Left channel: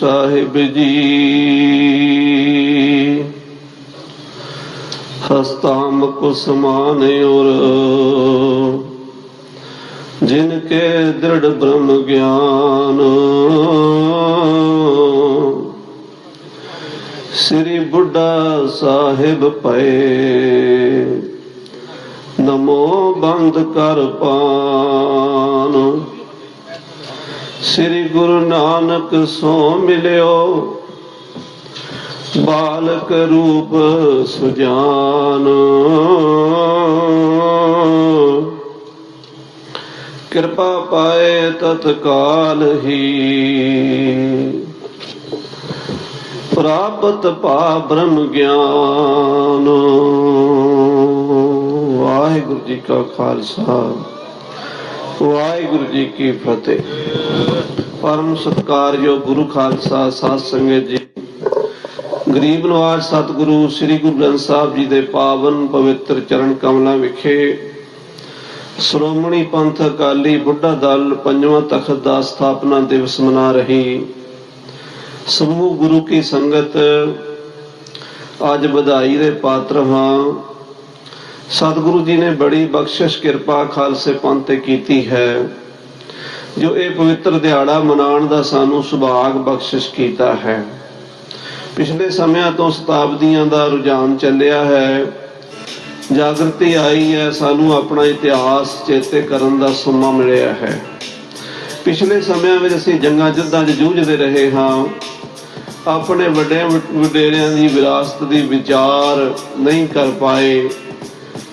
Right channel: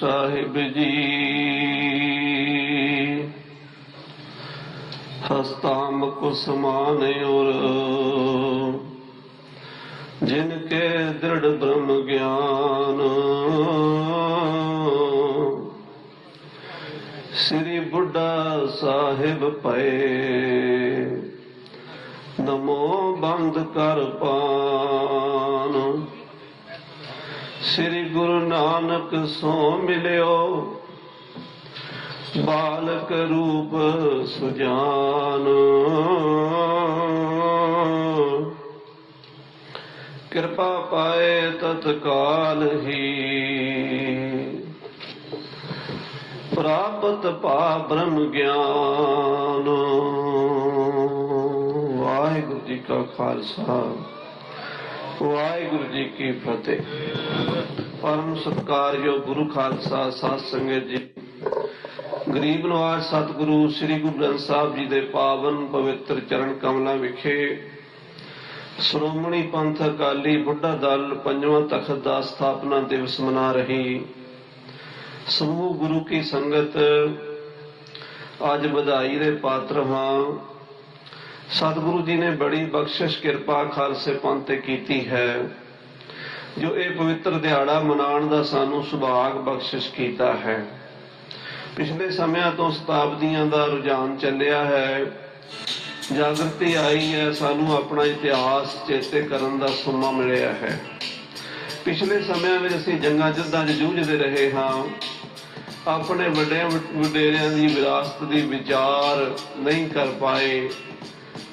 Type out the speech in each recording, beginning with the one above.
ਸਾਹਿਬ ਜੀ। ਹਸਤਾਮ ਕੋ ਸਮਾਨ ਔਰ ਜਿਨ ਕੇ ਦ੍ਰਿੜ ਬ੍ਰਹਮ ਗਿਆਨ। ਸ੍ਰੀ ਬੁੱਢਾ ਸਾਹਿਬ ਪਏ ਨਮੋ ਬੰਦ ਕਰ ਪਾਨ। ਸ੍ਰੀ ਗੁਰੂ ਨਾਨਕ ਸੋ ਮਿਲਿਓ। ਬਾਲਕ ਰੂਪ ਸੁਜਾਨ। ਕਿਰਪਾ ਪਾਏ ਤਤਕਾਲ ਹੀ। ਪ੍ਰਾਪਤ ਪਾ ਬ੍ਰਹਮ ਗਿਆਨ। ਵਾਹਿਗੁਰੂ ਜੀ ਕਾ ਖਾਲਸਾ। ਵਾਹਿਗੁਰੂ ਜੀ ਕੀ ਫਤਿਹ। ਪਰਮ ਸਤਕਾਰਯੋਗ ਗੁਰੂ ਖਾਲਸਾ ਸਾਧ ਸੰਗਤ ਜੀ। ਗਰੀਬ ਨਵਾਜ ਸਤਿਗੁਰੂ ਸ੍ਰੀ ਗੁਰੂ ਗ੍ਰੰਥ ਸਾਹਿਬ ਜੀ ਦੇ ਪਾਵਨ ਪਵਿੱਤਰ ਚਰਨ ਕਮਲਾਂ ਵਿਖੇ ਸ਼੍ਰੋਮਣੀ ਪੰਥ ਅਕਾਲੀ ਬੁੱਢਾ ਦਲ ਪੰਜਵਾਂ ਤਖਤ ਦਾ ਸਥਾਪਨਾ ਦਿਵਸ ਮਨਾ ਰਹੀ। ਸਮੂਹ ਗੁਰੂ ਕੀ ਸੰਗਤ ਅੱਜ ਵਧਾਈ ਦੇ ਪਾਤਰ ਹਾਂ। ਸਤਿਗੁਰੂ ਜੀ ਨੇ ਬੜੀ ਬਖਸ਼ਿਸ਼ ਕਿਰਪਾ ਖਾਲਸੇ ਪੰਥ ਤੇ ਕੀਤੀ ਹੈ। ਜੋ ਇਹ ਪਵਿੱਤਰ ਦਿਹਾੜਾ ਮਨਾਉਣ ਦਾ ਸਾਨੂੰ ਸੁਭਾਗ ਬਖਸ਼ਿਸ਼ ਕੀਤਾ ਹੈ। ਪਿਛਲੇ ਸਮਿਆਂ ਤੋਂ ਸ਼ਤਾਬਦੀਆਂ ਦਾ ਰੁਝਾਨ ਚੱਲਿਆ ਹੈ। ਜਾਗਰਤੀ ਆਈ ਹੈ, ਸਾਨੂੰ ਆਪਣਾ ਇਤਿਹਾਸ ਚੇਤੇ ਕਰਨ ਦਾ ਸਮਾਂ ਮਿਲਿਆ ਹੈ। ਪਿਛਲੇ ਸਮਿਆਂ ਵਿੱਚ ਅਸੀਂ ਜੰਗਾਂ ਜੁੱਧਾਂ 'ਚ ਜੂਝਦੇ ਰਹੇ ਹਾਂ। ਆਪਣੇ ਵੱਡੇ ਵਡੇਰਿਆਂ ਦੀ ਵਿਰਾਸਤ ਦੀ ਵਿਚਾਰ ਨਹੀਂ ਕਰ ਪਾਏ।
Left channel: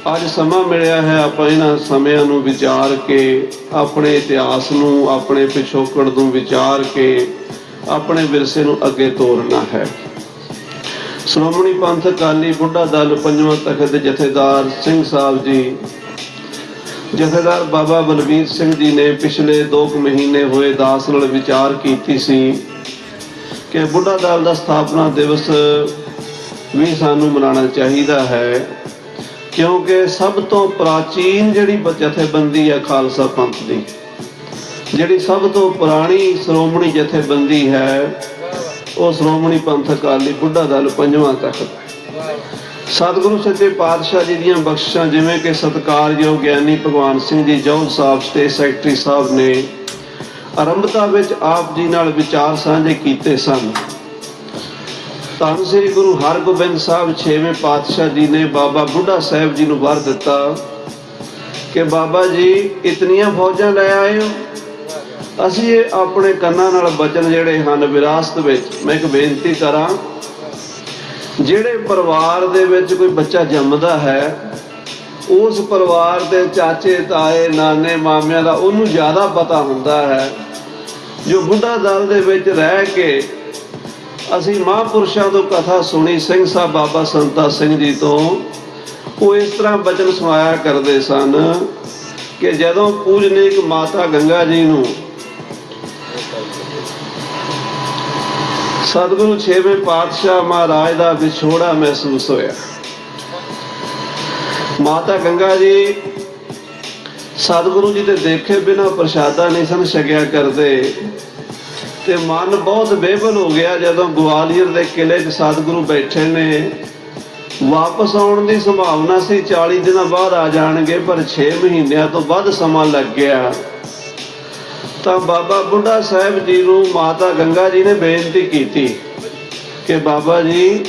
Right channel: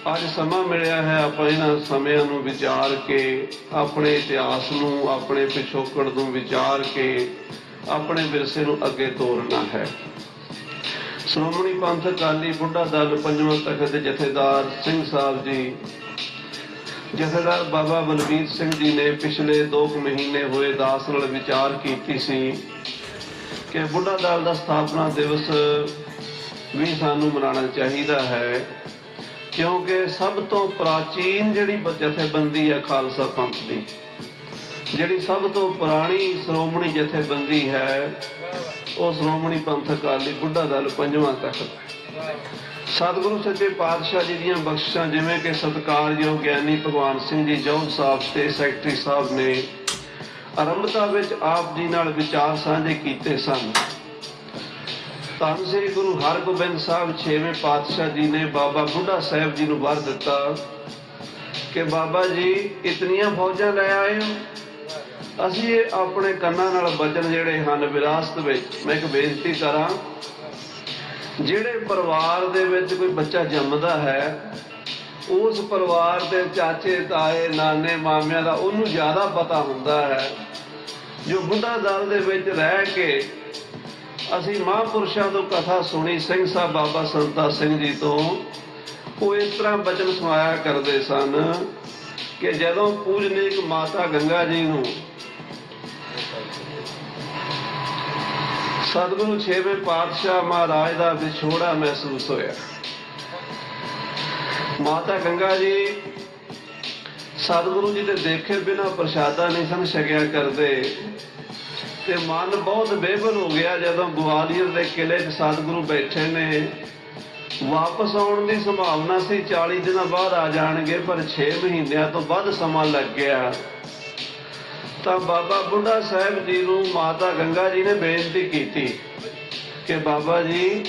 ਅੱਜ ਸਮਾਂ ਮਿਲਿਆ ਹੈ ਆਪਾਂ ਇਹਨਾਂ ਸਮਿਆਂ ਨੂੰ ਵਿਚਾਰ ਕੇ, ਆਪਣੇ ਇਤਿਹਾਸ ਨੂੰ, ਆਪਣੇ ਪਿਛੋਕੜ ਨੂੰ ਵਿਚਾਰ ਕੇ, ਆਪਣੇ ਵਿਰਸੇ ਨੂੰ ਅੱਗੇ ਤੋਰਨਾ ਹੈ। ਸ਼੍ਰੋਮਣੀ ਪੰਥ ਅਕਾਲੀ ਬੁੱਢਾ ਦਲ ਪੰਜਵਾਂ ਤਖਤ ਦੇ ਜਥੇਦਾਰ ਸਿੰਘ ਸਾਹਿਬ ਜੀ, ਜਥੇਦਾਰ ਬਾਬਾ ਬਲਬੀਰ ਸਿੰਘ ਜੀ ਨੇ ਪਿਛਲੇ 2 ਮਹੀਨੇ ਹੋਏ ਦਾਸ ਨਾਲ ਵਿਚਾਰ ਕੀਤੀ ਸੀ ਕਿ ਬੁੱਢਾ ਦਲ ਦਾ ਸਥਾਪਨਾ ਦਿਵਸ ਵੀ ਸਾਨੂੰ ਮਨਾਉਣਾ ਚਾਹੀਦਾ ਹੈ। ਕਿਉਂਕਿ ਸਭ ਤੋਂ ਪ੍ਰਾਚੀਨ ਜਿਹੜੀ ਜਥੇਬੰਦੀ ਹੈ ਖਾਲਸਾ ਪੰਥ ਦੀ, ਜਿਹੜੀ ਸਭ ਤੋਂ ਪੁਰਾਣੀ ਸ਼੍ਰੋਮਣੀ ਜਥੇਬੰਦੀ ਹੈ, ਉਹ ਸ਼੍ਰੋਮਣੀ ਪੰਥ ਅਕਾਲੀ ਬੁੱਢਾ ਦਲ ਪੰਜਵਾਂ ਤਖਤ ਸਤਿਗੁਰੂ ਸੱਚੇ ਪਾਤਸ਼ਾਹ ਜੀ ਦੀਆਂ ਬਖਸ਼ਾਂ ਜਿਵੇਂ ਕਿ ਸਤਿਕਾਰਯੋਗ ਗਿਆਨੀ ਭਗਵਾਨ ਸਿੰਘ ਜੀ ਜੌਹਲ ਸਾਹਿਬ ਤੇ ਸੈਕਟਰੀ ਸਾਹਿਬ ਨੇ ਆਰੰਭਤਾ ਵਿੱਚ ਆਪ ਜੀ ਨਾਲ ਵਿਚਾਰ ਸਾਂਝੇ ਕੀਤੇ ਸਨ। ਧੰਨ ਸ੍ਰੀ ਗੁਰੂ ਹਰਗੋਬਿੰਦ ਸਾਹਿਬ ਛੇਵੇਂ ਪਾਤਸ਼ਾਹ ਜੀ ਨੇ ਬਾਬਾ ਬੁੱਢਾ ਸਾਹਿਬ ਜੀ ਨੂੰ ਵਰ ਦਿੱਤਾ ਕਿ ਬਾਬਾ ਜੀ, ਇਤਨੀਆਂ ਫੌਜਾਂ ਲੈ ਆਏ ਹੋ। ਅਸੀਂ ਇਹ ਆਪਣੇ ਕੰਨਾਂ ਨਾਲ ਬਚਨ ਜਿਹੜੇ ਹਨ ਵਿਰਾਸਤ ਵਿੱਚ, ਮੈਂ ਇੱਕ ਬੇਨਤੀ ਕਰਾਂ, ਜਿਹੜੇ ਪਰਿਵਾਰ ਦੇ ਵਿੱਚ ਕੋਈ ਬੱਚਾ ਜੰਮਦਾ ਹੈ, ਉਸ ਪਰਿਵਾਰ ਦੇ ਚਾਚੇ, ਤਾਏ, ਨਾਨੇ, ਮਾਮਿਆਂ ਦਾ ਉਹਨੂੰ ਜ਼ਿਆਦਾ ਪਤਾ ਹੁੰਦਾ ਹੈ, ਜੋ ਬੁੱਢਾ ਦਲ ਦੇ ਵਿੱਚ ਰਹਿ ਕੇ ਅਸੀਂ ਮਹਾਂਪੁਰਸ਼ਾਂ ਤੋਂ ਕਥਾ ਸੁਣੀ, ਸਿੰਘ ਸਾਹਿਬ ਬਾਬਾ ਸੰਤਾ ਸਿੰਘ ਜੀ ਤੋਂ। ਉਹ ਇਸ ਤਰ੍ਹਾਂ ਬਚਨ ਸੁਣਾਇਆ ਕਰਦੇ ਸਨ ਕਿ ਜਦੋਂ ਪੂਜਨੀਕ ਮਾਤਾ ਗੰਗਾ ਜੀ ਨੂੰ ਸਤਿਗੁਰੂ ਛੇਵੇਂ ਪਾਤਸ਼ਾਹ ਮਹਾਰਾਜ ਦਾ ਵਿਛੋੜਾ ਮਹਿਸੂਸ ਹੋਇਆ। ਮਾਤਾ ਗੰਗਾ ਜੀ ਸਤਿਗੁਰੂ ਜੀ ਦੇ ਦੇਖੇ ਬਿਨਾ ਪ੍ਰਸ਼ਾਦਾ ਨਹੀਂ ਸਨ ਛਕਿਆ ਕਰਦੇ। ਤੇ ਮਨ ਬਹੁਤ ਬੇਬਲ ਹੋ ਗਿਆ ਜਦੋਂ ਗਵਾਲੀਅਰ ਦੇ ਕਿਲੇ 'ਚ ਸਤਿਗੁਰੂ ਬੈਠੇ ਨੇ। ਵਾਪਸ ਆਉਣ ਦੀ ਸੰਭਾਵਨਾ ਸੀ 40 ਦਿਨਾਂ ਬਾਅਦ ਆ ਜਾਣਗੇ, ਪਰ 6 ਮਹੀਨਿਆਂ ਤੋਂ ਵੱਧ ਸਮਾਂ ਲੱਗ ਗਿਆ। ਤਾਂ ਬਾਬਾ ਬੁੱਢਾ ਸਾਹਿਬ ਜੀ ਨੂੰ ਮਾਤਾ ਗੰਗਾ ਜੀ ਨੇ ਬੇਨਤੀ ਕੀਤੀ ਕਿ ਬਾਬਾ ਜੀ,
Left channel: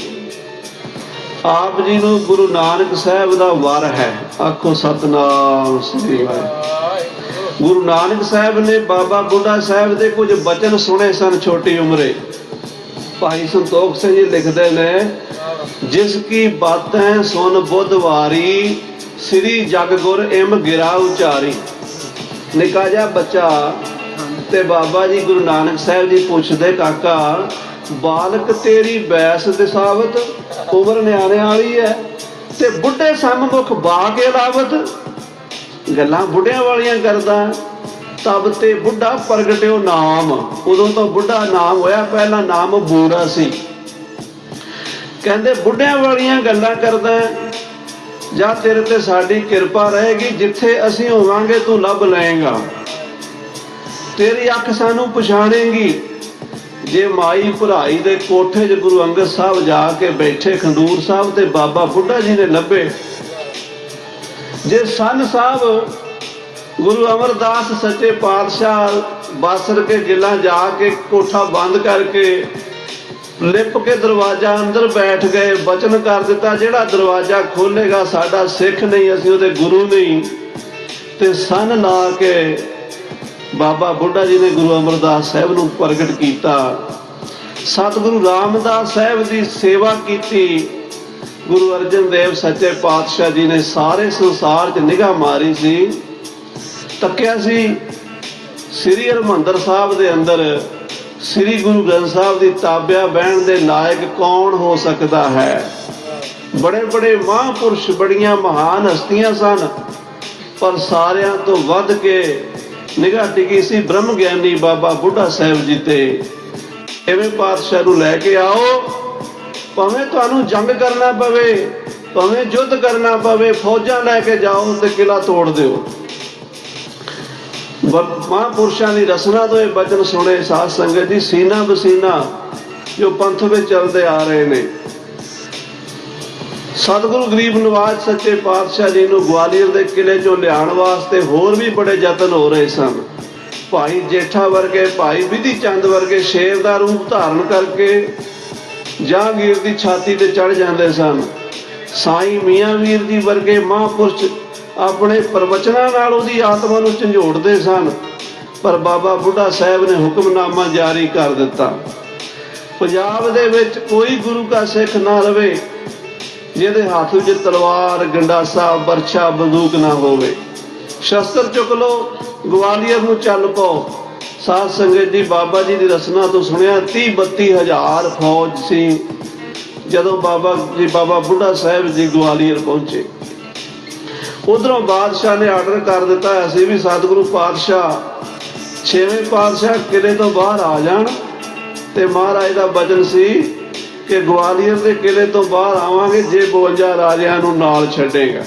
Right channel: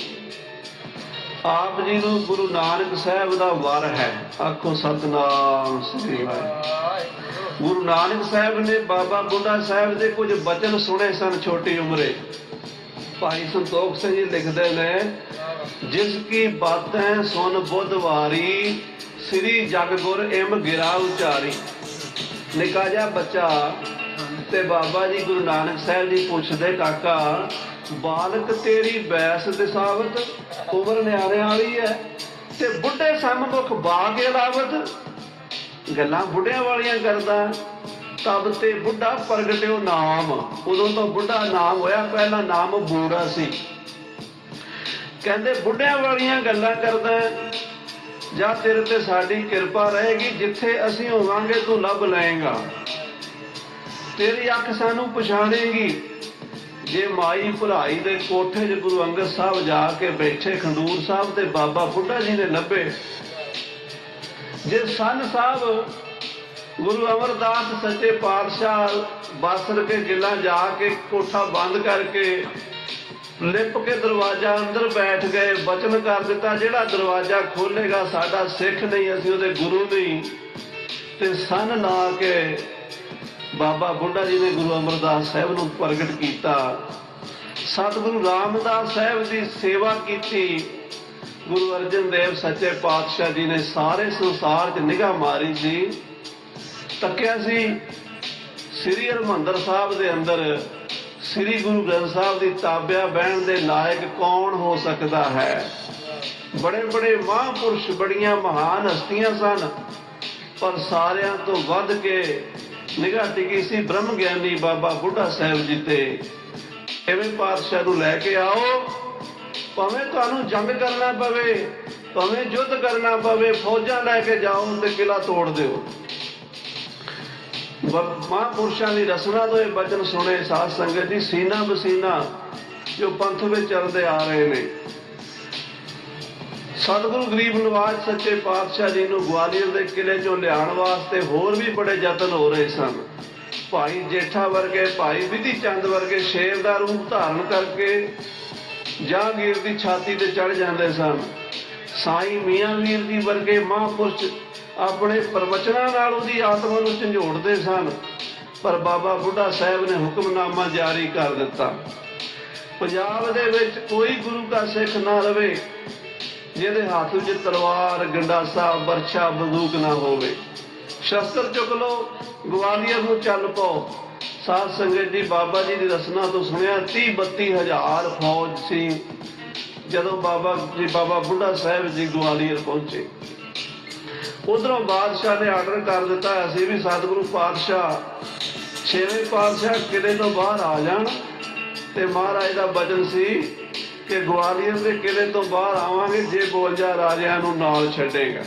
ਆਪ ਜੀ ਨੂੰ ਗੁਰੂ ਨਾਨਕ ਸਾਹਿਬ ਦਾ ਵਰ ਹੈ। ਆਖੋ ਸਤਨਾਮ ਸ੍ਰੀ ਵਾਹਿਗੁਰੂ। ਗੁਰੂ ਨਾਨਕ ਸਾਹਿਬ ਨੇ ਬਾਬਾ ਬੁੱਢਾ ਸਾਹਿਬ ਦੇ ਕੁਝ ਬਚਨ ਸੁਣੇ ਸਨ ਛੋਟੀ ਉਮਰੇ। ਭਾਈ ਸੰਤੋਖ ਸਿੰਘ ਜੀ ਲਿਖਦੇ ਨੇ, ਜਿਸ ਕੀ ਬਾਤੈਂ ਸੁਨ ਬੁੱਧਵਾਰੀ ਸ੍ਰੀ ਜਗ ਇਮ ਗਿਰਾ ਉਚਾਰੀ। ਨਿੱਕਾ ਜਿਹਾ ਬੱਚਾ ਤੇ ਬਾਬਾ ਜੀ ਗੁਰੂ ਨਾਨਕ ਸਾਹਿਬ ਜੀ ਪੁੱਛਦੇ, ਕਾਕਾ, ਬਾਲਕ ਤੇਰੀ ਬੈਸ ਦੇ ਸਾਬਤ ਉਮਰ ਨਿਆਣੇ ਵਾਲੀ ਹੈ ਤੇ ਬੁੱਢੇ ਸੰਮੁਖ ਬਾ ਕੇ ਗੱਲਾਂ ਬੁੱਢਿਆਂ ਵਾਲੀਆਂ ਕਰਦਾ, ਤਬ ਤੇ ਬੁੱਢਾ ਪ੍ਰਗਟਿਓ ਨਾਮ। ਉਦੋਂ ਤੋਂ ਬੁੱਢਾ ਨਾਮ ਹੋਇਆ, ਪਹਿਲਾਂ ਨਾਮ ਬੂੜਾ ਸੀ। ਕਹਿੰਦੇ, ਬੁੱਢਿਆਂ ਵਾਲੀਆਂ ਗੱਲਾਂ ਕਰਦਾ, ਜਾਂ ਤੇਰੇ ਤੇ ਸਾਡੀ ਕਿਰਪਾ ਰਹੇਗੀ, ਜਿੱਥੇ ਅਸੀਂ ਹੋਵਾਂਗੇ, ਤੂੰ ਲੱਭ ਲਏਗਾ। ਤੇਰੀ ਅੱਖ ਸਾਨੂੰ ਪਛਾਣੇਗੀ। ਜੇ ਮਾਈ ਭਰਾਈ ਦੇ ਕੋਠੇ 'ਚ ਗੁਰੂ ਅੰਗਦ ਸਾਹਿਬ ਜਾ ਕੇ ਬੈਠੇ, ਖੰਡੂਰ ਸਾਹਿਬ ਤੇ ਬਾਬਾ ਬੁੱਢਾ ਜੀ ਨੇ ਲੱਭੇ ਜੇ ਸੰਨ ਸਾਹਿਬ ਗੁਰੂ ਅਮਰਦਾਸ ਸੱਚੇ ਪਾਤਸ਼ਾਹ ਬਾਸਰ ਕੇ ਗਿੱਲਾਂ ਜਾ ਕੇ ਕੋਠਾ ਬੰਦ ਕਰਕੇ ਲਿਪ ਕੇ ਦਰਵਾਜ਼ਾ ਅੰਦਰ ਬੈਠ ਗਏ, ਬਚਨ ਕਰ ਦਿੱਤਾ, ਜਿਹੜਾ ਦਰਵਾਜ਼ਾ ਖੋਲੇਗਾ ਸਾਡਾ ਸਿੱਖ ਨਹੀਂ, ਅਸੀਂ ਉਹਦੇ ਗੁਰੂ ਨਹੀਂ। ਤੇ ਸੰਨ ਨਾ ਕੇ ਬਾਬਾ ਬੁੱਢਾ ਜੀ ਨੇ ਗੁਰੂ ਅਮਰਦਾਸ ਸਾਹਿਬ ਨੂੰ ਪ੍ਰਗਟ ਕੀਤਾ। ਸਤਿਗੁਰੂ ਰਾਮਦਾਸ ਸਾਹਿਬ ਦੀ ਸੇਵਾ ਕੀਤੀ। ਗੁਰੂ ਅਰਜਨ ਦੇਵ ਸੱਚੇ ਪਾਤਸ਼ਾਹ ਜੀ ਨੇ ਸਾਰੇ ਸੰਸਾਰ 'ਚ ਨਿਗਾਹ ਮਾਰੀ ਸੀ, ਤੱਕਿਆ ਸੀ। ਸ੍ਰੀ ਹਰਿਮੰਦਰ ਸਾਹਿਬ ਦੇ ਅੰਦਰ ਸ੍ਰੀ ਗੁਰੂ ਗ੍ਰੰਥ ਸਾਹਿਬ ਦੀ ਤਾਬਿਆ ਬਹਿਣ ਦੇ ਲਾਇਕ ਕੌਣ ਹੋ ਸਕਦਾ ਹੈ? ਬੜੇ ਬੜੇ ਮਹਾਂਪੁਰਸ਼ ਬੜੀਆਂ ਮਹਾਨ ਹਸਤੀਆਂ ਸਨ, ਪਰ ਸਾਰਿਆਂ ਤੋਂ ਵੱਧ ਕੇ ਨਿਗਾਹ ਟਿਕੀ ਸੀ ਬ੍ਰਹਮ ਗਿਆਨੀ ਬਾਬਾ ਬੁੱਢਾ ਸਾਹਿਬ ਜੀ ਤੇ। ਐਵੇਂ ਪਾਤਸ਼ਾਹ ਨੂੰ ਲੈ ਕੇ ਆਓ। ਭਾਵੇਂ ਤੁਹਾਨੂੰ ਜੰਗ ਕਰਨਾ ਪਵੇ, ਭਾਵੇਂ ਯੁੱਧ ਕਰਨਾ ਪਵੇ, ਫੌਜਾਂ ਲੈ ਕੇ ਜਾਓ ਤੇ ਕਿਲਾ ਤੋੜ ਦਿਓ। ਮਹਾਂਪੁਰਸ਼ਾਂ ਦੀ ਰਸਨਾ ਤੋਂ ਇਹ ਬਚਨ ਸੁਣੇ ਸਾਧ ਸੰਗਤ ਦੀ ਸੀਨਾ ਬਸੀਨਾ ਜੋ ਪੰਥ ਵਿੱਚ ਚੱਲਦੇ ਆ ਰਹੇ ਨੇ। ਸਤਿਗੁਰੂ ਗਰੀਬ ਨਵਾਜ ਸੱਚੇ ਪਾਤਸ਼ਾਹ ਜੀ ਨੂੰ ਗਵਾਲੀਅਰ ਦੇ ਕਿਲੇ ਚੋਂ ਲਿਆਉਣ ਵਾਸਤੇ ਹੋਰ ਵੀ ਬੜੇ ਯਤਨ ਹੋ ਰਹੇ ਸਨ। ਭਾਈ ਜੇਠਾ ਵਰਗੇ, ਭਾਈ ਵਿਧੀ ਚੰਦ ਵਰਗੇ ਸ਼ੇਰ ਦਾ ਰੂਪ ਧਾਰਨ ਕਰਕੇ ਜਹਾਂਗੀਰ ਦੀ ਛਾਤੀ ਤੇ ਚੜ ਜਾਂਦੇ ਸਨ। ਸਾਈ ਮੀਆਂ ਵੀਰ ਜੀ ਵਰਗੇ ਮਹਾਂਪੁਰਸ਼ ਆਪਣੇ ਪ੍ਰਵਚਨਾਂ ਨਾਲ ਉਹਦੀ ਆਤਮਾ ਨੂੰ ਝੰਜੋੜਦੇ ਸਨ, ਪਰ ਬਾਬਾ ਬੁੱਢਾ ਸਾਹਿਬ ਨੇ ਹੁਕਮਨਾਮਾ ਜਾਰੀ ਕਰ ਦਿੱਤਾ। ਪੰਜਾਬ ਦੇ ਵਿੱਚ ਕੋਈ ਗੁਰੂ ਦਾ ਸਿੱਖ ਨਾ ਰਵੇ, ਜਿਹਦੇ ਹੱਥ ਵਿੱਚ ਤਲਵਾਰ, ਗੰਡਾਸਾ, ਬਰਛਾ, ਬੰਦੂਕ ਨਾ ਹੋਵੇ। ਸ਼ਸਤਰ ਚੁੱਕ ਲਓ, ਗਵਾਲੀਅਰ ਨੂੰ ਚੱਲ ਪਾਓ। ਸਾਧ ਸੰਗਤ ਜੀ ਬਾਬਾ ਜੀ ਦੀ ਰਸਨਾ ਤੋਂ ਸੁਣਿਆ 30 32 ਫੌਜ ਸੀ। ਜਦੋਂ ਬਾਬਾ ਜੀ, ਬਾਬਾ ਬੁੱਢਾ ਸਾਹਿਬ ਜੀ ਗਵਾਲੀਅਰ ਪਹੁੰਚੇ। ਉਧਰੋਂ ਬਾਦਸ਼ਾਹ ਨੇ ਆਰਡਰ ਕਰ ਦਿੱਤਾ ਹੋਇਆ ਵੀ ਸਤਿਗੁਰੂ ਪਾਤਸ਼ਾਹ, ਛੇਵੇਂ ਪਾਤਸ਼ਾਹ ਕਿਲੇ ਤੋਂ ਬਾਹਰ ਆ ਜਾਣ। ਤੇ ਮਹਾਰਾਜ ਦਾ ਬਚਨ ਸੀ ਕਿ ਗਵਾਲੀਅਰ ਦੇ ਕਿਲੇ ਤੋਂ ਬਾਹਰ ਆਵਾਂਗੇ, ਜੇ 52 ਰਾਜਿਆਂ ਨੂੰ ਨਾਲ ਛੱਡੇਗਾ।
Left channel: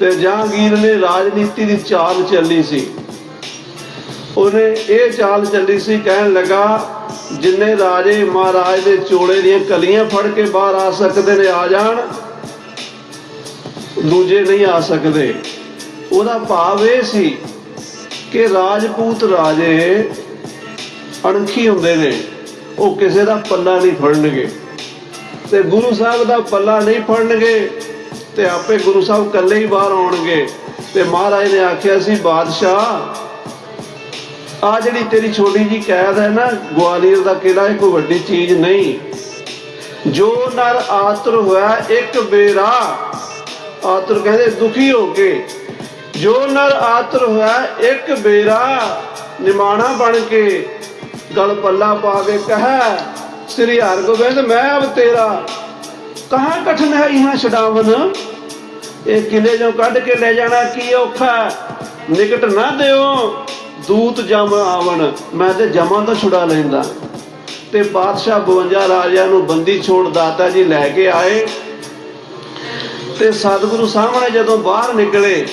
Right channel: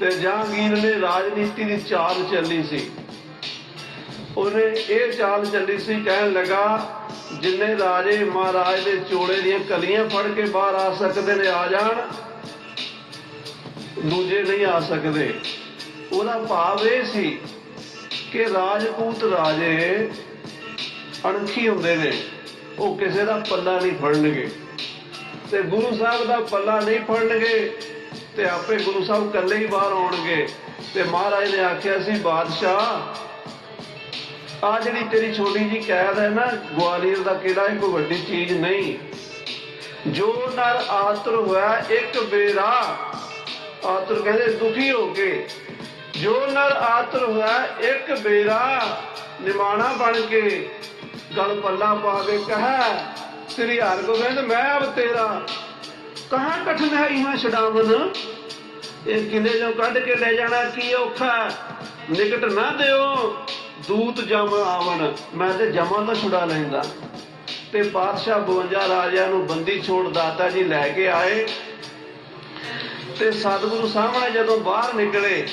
ਤੇ ਜਹਾਂਗੀਰ ਨੇ ਰਾਜਨੀਤੀ ਦੀ ਚਾਲ ਚੱਲੀ ਸੀ। ਉਹਨੇ ਇਹ ਚਾਲ ਚੱਲੀ ਸੀ, ਕਹਿਣ ਲੱਗਾ, ਜਿੰਨੇ ਰਾਜੇ ਮਹਾਰਾਜ ਦੇ ਚੋੜੇ ਦੀਆਂ ਕਲੀਆਂ ਫੜ ਕੇ ਬਾਹਰ ਆ ਸਕਦੇ ਨੇ, ਆ ਜਾਣ। ਦੂਜੇ ਨਹੀਂ ਆ ਸਕਦੇ। ਉਹਦਾ ਭਾਵ ਇਹ ਸੀ ਕਿ ਰਾਜਪੂਤ ਰਾਜੇ ਅਣਖੀ ਹੁੰਦੇ ਨੇ, ਉਹ ਕਿਸੇ ਦਾ ਪੱਲਾ ਨਹੀਂ ਫੜਨਗੇ। ਤੇ ਗੁਰੂ ਸਾਹਿਬ ਦਾ ਪੱਲਾ ਨਹੀਂ ਫੜਨਗੇ, ਤੇ ਆਪੇ ਗੁਰੂ ਸਾਹਿਬ ਇਕੱਲੇ ਹੀ ਬਾਹਰ ਆਉਣਗੇ। ਤੇ ਮਹਾਰਾਜ ਨੇ ਆਖਿਆ ਸੀ, ਬਾਦਸ਼ਾਹ ਆ ਜਿਹੜੀ ਤੇਰੀ ਛੋਟੀ ਜੀ ਕੈਦ ਹੈ ਨਾ, ਗਵਾਲੀਅਰ ਦਾ ਕਿਲਾ ਇਹ ਕੋਈ ਵੱਡੀ ਚੀਜ਼ ਨਹੀਂ। ਜੋ ਨਰ ਆਤਰ ਹੋਇਆ, ਇੱਕ ਬੇਰਾ ਆਤਰ ਕਹਿੰਦੇ ਦੁਖੀ ਹੋ ਕੇ। ਜੋ ਨਰ ਆਤਰ ਹੋਇਆ, ਇੱਕ ਬੇਰਾ ਨਿਮਾਣਾ ਬਣ ਕੇ ਗਲ ਪੱਲਾ ਪਾ ਕੇ ਕਹੈ, ਸ੍ਰੀ ਹਰਗੋਬਿੰਦ, ਮੈਂ ਅਬ ਤੇਰਾ, ਕਹਾਂ ਕਠਨ ਹੈ ਇਹਾਂ ਛਡਾਵਨ? ਇਹ ਕਿਲੇ ਚੋਂ ਕੱਢ ਕੇ ਲੈ ਜਾਣਾ, ਕੀ ਔਖਾ ਨਿਕਟ ਨਾ ਦਿਓ। ਦੂਤ ਜਮ ਆਵਣ, ਮੈਂ ਤੇ ਜਮਾਂ ਤੋਂ ਛੁਡਾ ਲੈਂਦਾ। ਤੇ ਬਾਦਸ਼ਾਹ 52 ਰਾਜਿਆਂ ਨੂੰ ਬੰਦੀ ਛੋੜ ਦਾਤਾ ਜੀ ਲੈ ਕੇ ਆਏ। ਤੇ ਸਤਿਗੁਰੂ ਸਾਹਮਣੇ ਜਦੋਂ ਬਾਹਰ ਨਿਕਲੇ,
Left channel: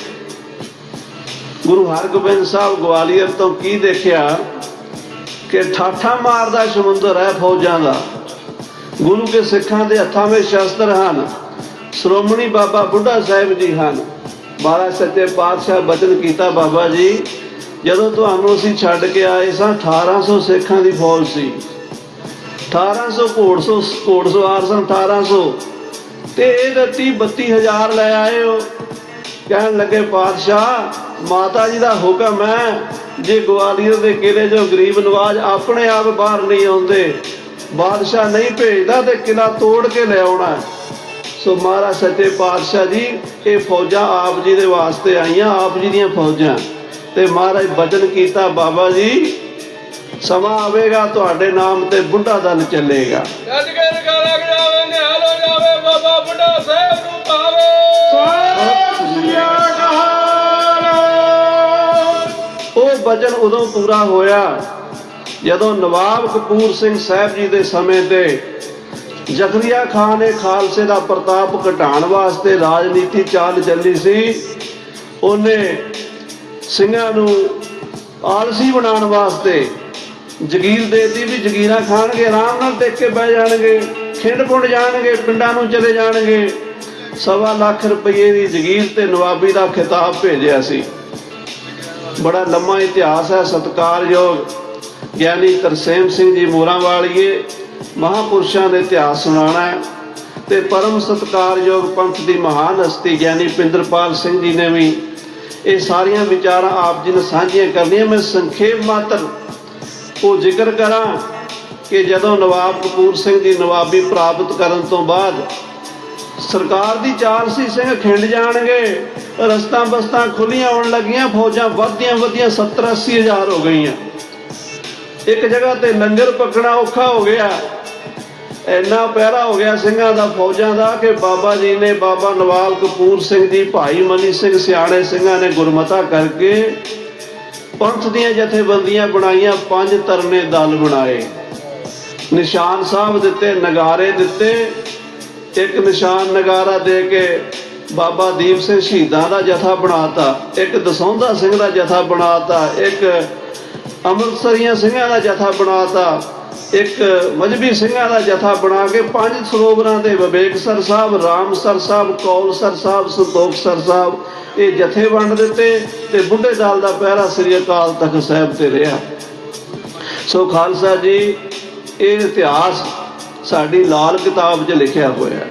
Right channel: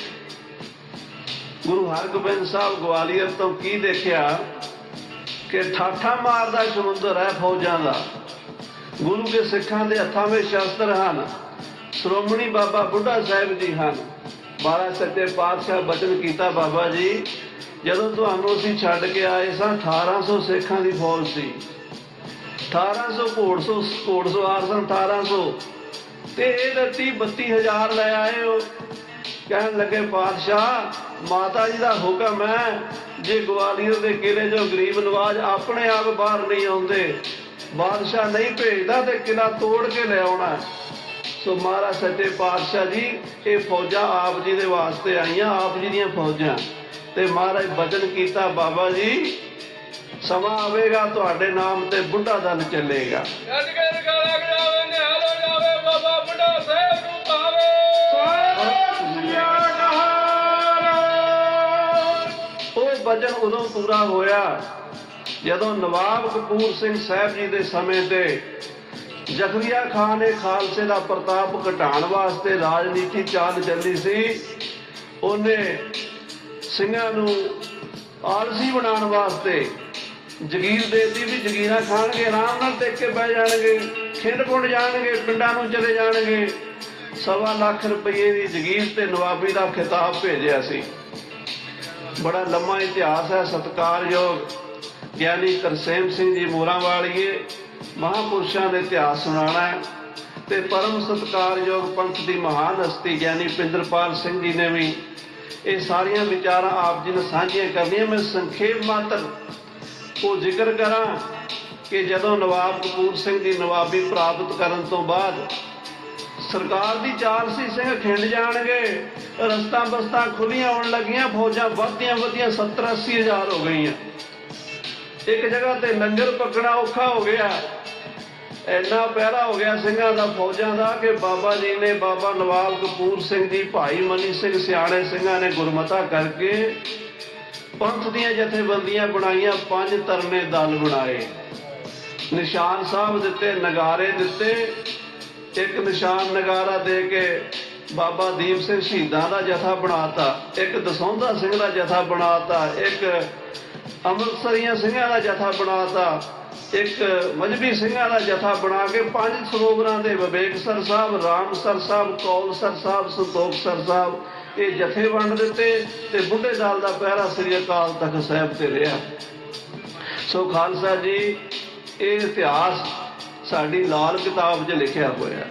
ਗੁਰੂ ਹਰਗੋਬਿੰਦ ਸਾਹਿਬ ਗਵਾਲੀਅਰ ਤੋਂ ਕੀ ਦੇਖਿਆ ਕਿ ਠਾਠਾ ਮਾਰਦਾ ਸਮੁੰਦਰ ਹੈ ਫੌਜਾਂ ਦਾ। ਗੁਰੂ ਕੇ ਸਿੱਖਾਂ ਦੇ ਹੱਥਾਂ ਵਿੱਚ ਸ਼ਸਤਰ ਹਨ, ਸ਼੍ਰੋਮਣੀ ਬਾਬਾ ਬੁੱਢਾ ਸਾਹਿਬ ਜੀ ਹਨ। ਮਹਾਰਾਜ ਸੱਚੇ ਪਾਤਸ਼ਾਹ ਬਚਨ ਕੀਤਾ ਬਾਬਾ ਜੀ ਜਦੋਂ ਤੁਹਾਨੂੰ ਅਸੀਂ ਛੱਡ ਕੇ ਆਏ ਸਾਂ 1800 ਸਿੱਖਾਂ ਦੀ ਫੌਜ ਸੀ। 1800 ਘੋੜਸੋ ਘੋੜਸਵਾਰ ਸਨ 1800 ਤੇ ਇਹ ਤਾਂ 30 32000 ਲੈ ਆਏ ਹੋ ਕਹਿਣ ਲੱਗੇ, ਪਾਤਸ਼ਾਹ, ਮਾਤਾ ਜੀ ਦਾ ਹੁਕਮ ਹੈ, ਜੇ ਗਵਾਲੀਅਰ ਦੇ ਕਿਲੇ ਜੋ ਗਰੀਬ ਨਵਾਜ ਆਪਣੇ ਆਪ ਬਾਹਰ ਨਹੀਂ ਆਉਂਦੇ, ਬਾਦਸ਼ਾਹ ਨਹੀਂ ਭੇਜਦਾ ਤੇ ਕਿਲਾ ਤੋੜ ਕੇ ਲੈ ਆਉਣਾ ਸੋ ਮਹਾਰਾਜ ਸੱਚੇ ਪਾਤਸ਼ਾਹ ਜੀ, ਇਹ ਫੌਜਾਂ ਆਪ ਜੀ ਦੇ ਵਾਸਤੇ ਆਈਆਂ, ਆਪ ਜੀ ਦੀਆਂ ਫੌਜਾਂ। ਤੇ ਮਹਾਰਾਜ ਬਚਨ ਕੀਤਾ, ਬਾਬਾ ਜੀ, ਸਮਾਂ ਆਵੇਗਾ, ਤੁਹਾਡੇ ਨਾਮ ਤੇ ਬੁੱਢਾ ਦਲ ਚੱਲੇਗਾ। ਰੱਜ ਕੇ ਲੱਗ ਜਾਵੇ ਨਿਹਾਲ ਹੋ ਜਾਵੇ ਬਾਬਾ ਬੁੱਢਾ ਸਾਹਿਬ ਨੂੰ ਪਾਵੇ ਉਹ ਬਚਨ ਉਦੋਂ ਪੂਰਾ ਹੋਇਆ, ਜਦੋਂ ਨਵਾਬ ਕਪੂਰ ਸਿੰਘ ਸਾਹਿਬ ਜੀ ਦੇ ਸਮੇਂ ਤੇ ਜ਼ਕਰੀਆ ਖਾਨ ਨੇ ਖਾਲਸੇ ਦਾ ਪ੍ਰਤਾਪ ਘਟਾਉਣ ਵਾਸਤੇ ਰਾਜਨੀਤੀ ਚਾਲ ਚੱਲੀ ਸੀ, ਉਹਨੇ ਸਿੰਘਾਂ ਨੂੰ ਆਲਸੀ ਬਣਾਉਣ ਵਾਸਤੇ ਜਗੀਰ ਦੇਤੀ ਵੀ ਜਗੀਰਾਂ ਖਾਣਗੇ, ਆਰਾਮ ਨਾਲ ਟਿਕ ਕੇ ਬਹਿ ਜਾਣਗੇ, ਖਿੰਡ ਪੁੰਡ ਜਾਣਗੇ, ਪਿੰਡਾਂ ਨੂੰ ਚਲੇ ਜਾਣਗੇ। ਸਵਾ ਲੱਖ ਰੁਪਏ ਦੀ ਜਗੀਰ ਤੇ ਨਵਾਬੀ ਦਾ ਖਿਤਾਬ ਭੇਜਿਆ ਸੀ। ਬੜਾ ਲੰਮਾ ਇਤਿਹਾਸ ਹੈ, ਸਤਿਕਾਰਯੋਗ ਗਿਆਨੀ ਤਰਸੇਮ ਸਿੰਘ ਜੀ ਮੋਰਾਂ ਵਾਲੀਏ, ਮਹਾਪੁਰਸ਼ਾਂ ਦੇ ਇਤਿਹਾਸ ਸੁਣਾਉਣਾ ਹੈ ਤੇ ਪਰਮ ਸਤਿਕਾਰਯੋਗ ਪੰਥ ਦੀ ਮਹਾਨ ਹਸਤੀ ਗਿਆਨੀ ਪਿੰਦਰਪਾਲ ਸਿੰਘ ਜੀ ਨੇ ਵੀ ਇਹ ਸਾਰੀਆਂ ਵਿਚਾਰਾਂ ਆਪ ਜੀ ਨਾਲ ਸਾਂਝੀਆਂ ਕਰਨੀਆਂ। ਮੈਂ ਸੰਖੇਪ ਮਾਤਰ ਉਹ ਜ਼ਿਕਰ ਕਰਾਂ ਕਿ ਜਦੋਂ ਨਵਾਬ ਕਪੂਰ ਸਿੰਘ ਦੀ ਨਵਾਬੀ ਪ੍ਰਾਪਤ ਕਰਨ ਤੋਂ ਬਾਅਦ ਸਰਕਾਰ ਦੀ ਚਾਲ ਸੀ, ਸਿੰਘ ਖਿੰਡ ਜਾਣਗੇ, ਰਸਤਾ ਬਸਤਾਂ ਖੁੱਲੀਆਂ ਆਉਣ ਲੱਗੀਆਂ, ਫੌਜਾਂ ਵੱਧਦੀਆਂ ਵੱਧਦੀਆਂ 70 80 ਹਜ਼ਾਰ ਹੋ ਗਈਆਂ। ਇੱਕ ਜਗ੍ਹਾ ਤੇ ਲੰਗਰ ਪਕਣਾ ਔਖਾ ਹੋ ਗਿਆ। ਇੰਨਾ ਪਹਿਰਾ ਹੋ ਗਿਆ ਸਿੰਘਾਂ ਦਾ, ਫੌਜਾਂ ਦਾ ਕਿ ਬਾਬਾ ਜੀ ਨੇ ਬਾਬਾ ਨਵਾਬ ਕਪੂਰ ਸਿੰਘ ਜੀ, ਭਾਈ ਮਨੀ ਸਿੰਘ, ਸਿਆਣੇ ਸਿੰਘਾਂ ਨੇ ਗੁਰਮਤਾ ਕਰਕੇ ਪੰਥ ਦੀਆਂ ਜਥੇਬੰਦੀਆਂ ਬਣਾਈਆਂ, ਪੰਜ ਤਰਨੇ ਦਲ ਬਣਾਏ। ਨਿਸ਼ਾਨ ਸਾਹਿਬ ਦਿੱਤੇ, ਨਗਾਰੇ ਦਿੱਤੇ। ਇੱਕ ਨਿਸ਼ਾਨ ਨਗਾਰਾ ਦੇ ਕੇ ਬਾਬਾ ਦੀਪ ਸਿੰਘ ਸ਼ਹੀਦਾਂ ਦਾ ਜਥਾ ਬਣਾਤਾ, ਇੱਕ ਦਸੌਂਧਾ ਸਿੰਘ ਦਾ ਜਥਾ ਬਣਾਤਾ, ਇੱਕ ਅੰਮ੍ਰਿਤਸਰੀਆਂ ਸਿੰਘਾਂ ਦਾ ਜਥਾ ਬਣਾਤਾ। ਇੱਕ ਮਜਬੀ ਸਿੰਘਾਂ ਦਾ ਜਥਾ ਬਣਾ ਕੇ ਪੰਜ ਸਰੋਵਰਾਂ ਦੇ Vivekasar Sahib, Ram sir Sahib call sir Sahib Santokhsar Sahib, ਇਹ ਜਥੇ ਵੰਡ ਦਿੱਤੇ ਤੇ ਬੁੱਢੇ ਦਾਲ ਦਾ ਪਹਿਰਾ ਸ੍ਰੀ ਅਕਾਲ ਤਖਤ ਸਾਹਿਬ ਤੇ ਰਿਹਾ। ਸੋ ਖਾਲਸਾ ਜੀ, ਇਹ ਇਤਿਹਾਸ ਸਾਡੀ ਲਾਲ ਕਿਤਾਬ 'ਚ ਲਿਖਿਆ ਹੋਇਆ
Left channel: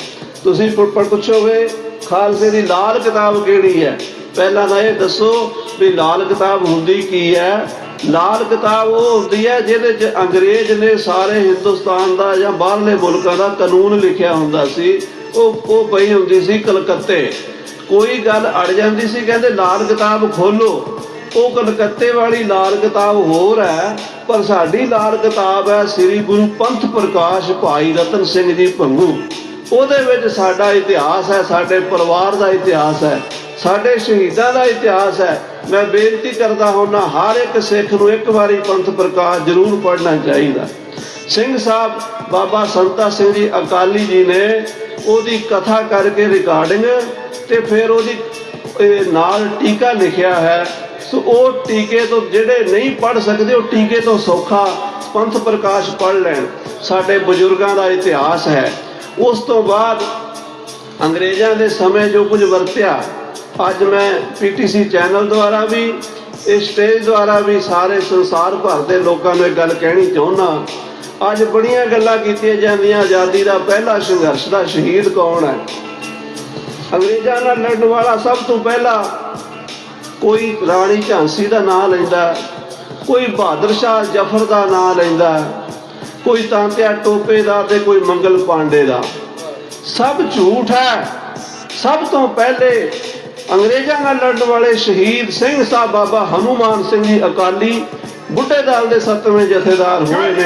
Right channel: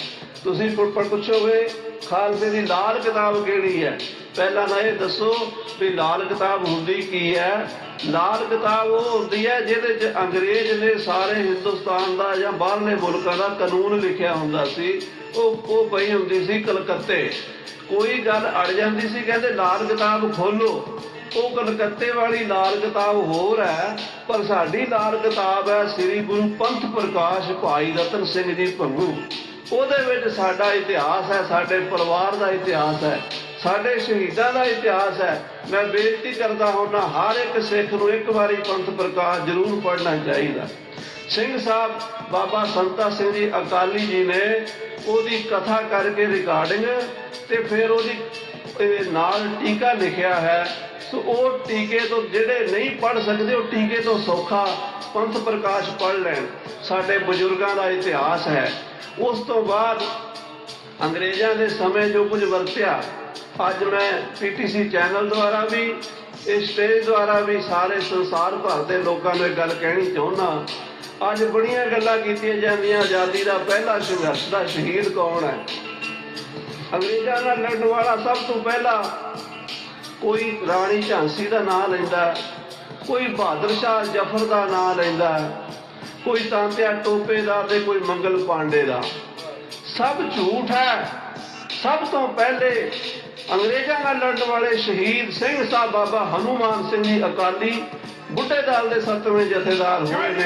ਤੁਸੀਂ ਪੁੱਛੋਗੇ, ਖਾਲਸੇ ਦੀ ਲਾਲ ਕਿਤਾਬ ਕਿਹੜੀ ਹੈ? ਪਹਿਲਾਂ ਤਾਂ ਇਹ ਦੱਸੋ ਵੀ ਲਾਲ ਕਿਤਾਬ ਹੁੰਦੀ ਕੀ ਹੈ? ਲਾਲ ਕਿਤਾਬ ਉਹ ਹੁੰਦੀ ਹੈ ਜਿਹਦੇ 'ਚ ਅੰਗਰੇਜ਼ ਨੇ ਸਾਰੇ ਹਿੰਦੁਸਤਾਨ ਦਾ ਜਾਂ ਬਾਹਰਲੇ ਮੁਲਕਾਂ ਦਾ ਕਾਨੂੰਨ ਲਿਖਿਆ ਹੁੰਦਾ ਸੀ, ਉਹ ਉਹ ਪਈ ਹੁੰਦੀ ਸੀ ਕਲਕੱਤੇ। ਕੋਈ ਗੱਲ ਅੜ ਜਾਂਦੀ ਸੀ, ਕਹਿੰਦੇ ਲਾਲ ਕਿਤਾਬ ਖੋਲੋ ਉਹ ਕਲਕੱਤੇ ਵਾਲੀ ਲਾਲ ਕਿਤਾਬ ਹੋਰ ਹੈ, ਪਰ ਸਾਡੀ ਲਾਲ ਕਿਤਾਬ ਹੈ ਸ੍ਰੀ ਗੁਰੂ ਪੰਥ ਪ੍ਰਕਾਸ਼ ਭਾਈ ਰਤਨ ਸਿੰਘ ਜੀ ਭੰਗੂ। ਉਹਦੇ ਵਿੱਚ ਸਾਡਾ ਇਤਿਹਾਸ ਹੈ, ਸਾਡੇ ਪਰਿਵਾਰ ਦਾ ਇਤਿਹਾਸ ਹੈ। ਸਾਡੇ ਸ਼ਹੀਦਾਂ ਦਾ ਇਤਿਹਾਸ ਹੈ। ਮੈਂ ਬੇਨਤੀ ਕਰਦਾ ਹਾਂ ਹਰ ਇੱਕ ਸਿੱਖ ਨੂੰ ਇੱਕ ਵਾਰੀ ਪੰਥ ਪ੍ਰਕਾਸ਼ ਜ਼ਰੂਰ ਪੜ੍ਹਨਾ ਚਾਹੀਦਾ। ਸਿੰਘ ਸਾਹਿਬ, ਬਾਬਾ ਸੰਤਾ ਸਿੰਘ ਜੀ ਅਕਾਲੀ ਜੀ ਨੇ ਉਹਦੀ ਕਥਾ ਕਰਕੇ ਰਿਕਾਰਡਿੰਗ ਤੇ ਫਿਰ ਉਹਦੀ ਨਾਲ ਟੀਕਾ ਲਿਖਿਆ ਹੈ। ਸੋ ਉਹ ਟੀਕੇ ਤੋਂ ਜਿਹੜੇ ਨਹੀਂ ਪੜ ਸਕਦੇ, ਉਹ ਟੀਕੇ ਤੋਂ ਸੌਖਾ ਪੰਥ ਪ੍ਰਕਾਸ਼ ਪੜ ਲੈਣ। ਸਾਡੇ ਬਜ਼ੁਰਗਾਂ ਦਾ ਇਤਿਹਾਸ ਹੈ। ਉਸ ਤੋਂ ਬਾਅਦ ਅੰਗਰੇਜ਼ਾਂ ਦੇ ਸਮੇਂ ਜੋ ਕੁਝ ਵਰਤਿਆ ਅੱਜ ਮੈਂ ਪੀਟੀਸੀ ਚੈਨਲ ਦੁਆਰਾ ਵੀ ਇਸ ਸਟੇਜ ਦੁਆਰਾ ਵੀ ਸਾਰੇ ਸੰਸਾਰ ਭਰ ਦੇ ਲੋਕਾਂ ਨੂੰ ਇਹ ਗੱਲ ਕਹਿਣੀ ਚਾਹੁੰਦਾ ਅੱਜ ਬੜੀਆਂ ਗੱਲਾਂ ਕੀਤੀਆਂ ਜਾਂਦੀਆਂ, ਆਜ਼ਾਦੀ ਦਾ ਪਹਿਲਾ ਸੰਘਰਸ਼ ਦਾ ਸ਼ਹੀਦ ਕੌਣ ਹੈ? ਅੰਗਰੇਜ਼ਾਂ ਨਾਲ ਲੜਨ ਵਾਲਾ ਸਭ ਤੋਂ ਪਹਿਲਾ ਕੋਈ ਰਾਣੀ ਝਾਂਸੀ ਦਾ ਨਾਮ ਲੈਂਦਾ, ਕੋਈ ਬਹਾਦਰ ਸ਼ਾਹ ਜ਼ਫਰ ਦਾ ਨਾਮ ਲੈਂਦਾ, ਕੋਈ ਤਾਂਤਿਆ ਟੋਪੇ ਦਾ ਤੇ ਕੋਈ ਮੰਗਲ ਪਾਂਡੇ ਦਾ। ਸਭ ਝੂਠ ਹੈ। ਸਭ ਤੋਂ ਪਹਿਲੇ ਅੰਗਰੇਜ਼ਾਂ ਨਾਲ ਲੜਨ ਵਾਲੇ ਸ਼ਹੀਦ ਸਿੰਘ ਸਾਹਿਬ ਬਾਬਾ ਹਨੂਮਾਨ ਸਿੰਘ ਜੀ ਅਕਾਲੀ ਬੁੱਢੇ ਦਲ ਦੇ ਸੱਤਵੇਂ ਜਥੇਦਾਰ ਹੋਏ ਨੇ।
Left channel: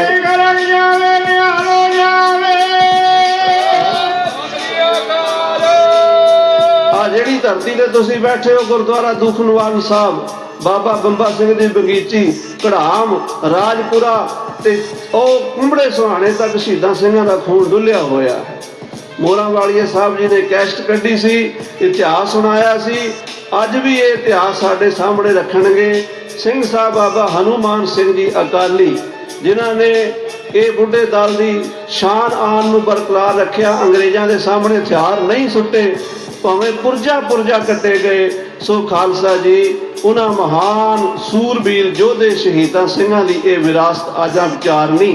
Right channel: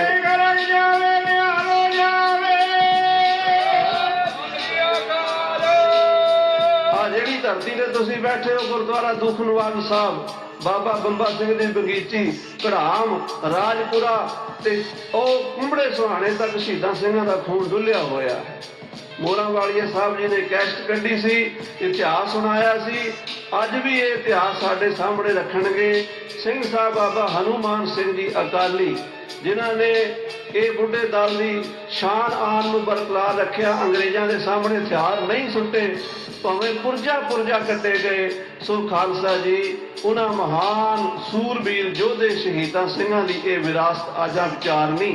ਆ ਜਿਹੜੀ ਧਰਤੀ ਤੇ ਤੁਸੀਂ ਬੈਠੇ ਹੋ ਗੁਰਦੁਆਰਾ ਦੁਖ ਨਿਵਾਰਨ ਸਾਹਿਬ ਬਾਬਾ ਬੰਬਾ ਸਿੰਘ ਦੀ ਬਗੀਚੀ ਕੜਾਮ ਰਾਜਪੁਰਾ ਤੇ ਉਹ ਕੁੰਬੜੇ ਸੁਹਾਣੇ ਤੱਕ ਸ਼ਹੀਦਾਂ ਸਿੰਘਾਂ ਦਾ ਖੂਨ ਡੁੱਲਿਆ ਹੋਇਆ। ਹੈ ਮੋਰਾਂ ਵਾਲੀਏ ਸਾਹਿਬ ਜੀ ਨੇ ਕੈਸਟ ਕੱਢੀ ਸੀ, ਇਤਿਹਾਸ ਸੁਣਾਇਆ ਸੀ। ਅੱਜ ਵੀ ਇਹ ਇਤਿਹਾਸ ਸਾਡੇ ਸਾਹਮਣੇ ਰੱਖਣਗੇ। ਸਿੰਘ ਸਾਹਿਬ ਬਾਬਾ ਹਨੂਮਾਨ ਸਿੰਘ ਜੀ ਅਕਾਲੀ, ਜਿਨ੍ਹਾਂ ਨੇ ਇਹ ਬੁੱਢੇ ਦਲ ਦੀ ਸ਼ਾਨ ਆਨ ਨੂੰ ਬਰਕਰਾਰ ਰੱਖਿਆ। ਅੰਗਰੇਜ਼ਾਂ ਦੇ ਸਾਹਮਣੇ ਹਥਿਆਰ ਨਹੀਂ ਸੁੱਟੇ, ਭਾਵੇਂ ਪੁਰਜਾ ਪੁਰਜਾ ਕੱਟੇ ਗਏ। ਸੋ ਖਾਲਸਾ ਜੀ, ਉਹਨਾਂ ਮਹਾਨ ਸੂਰਬੀਰ ਯੋਧੇ ਸ਼ਹੀਦਾਂ ਸਿੰਘਾਂ ਦੀ ਇਹ ਵਿਰਾਸਤ ਆਜਾਂ ਵਿਚਾਰਨੀ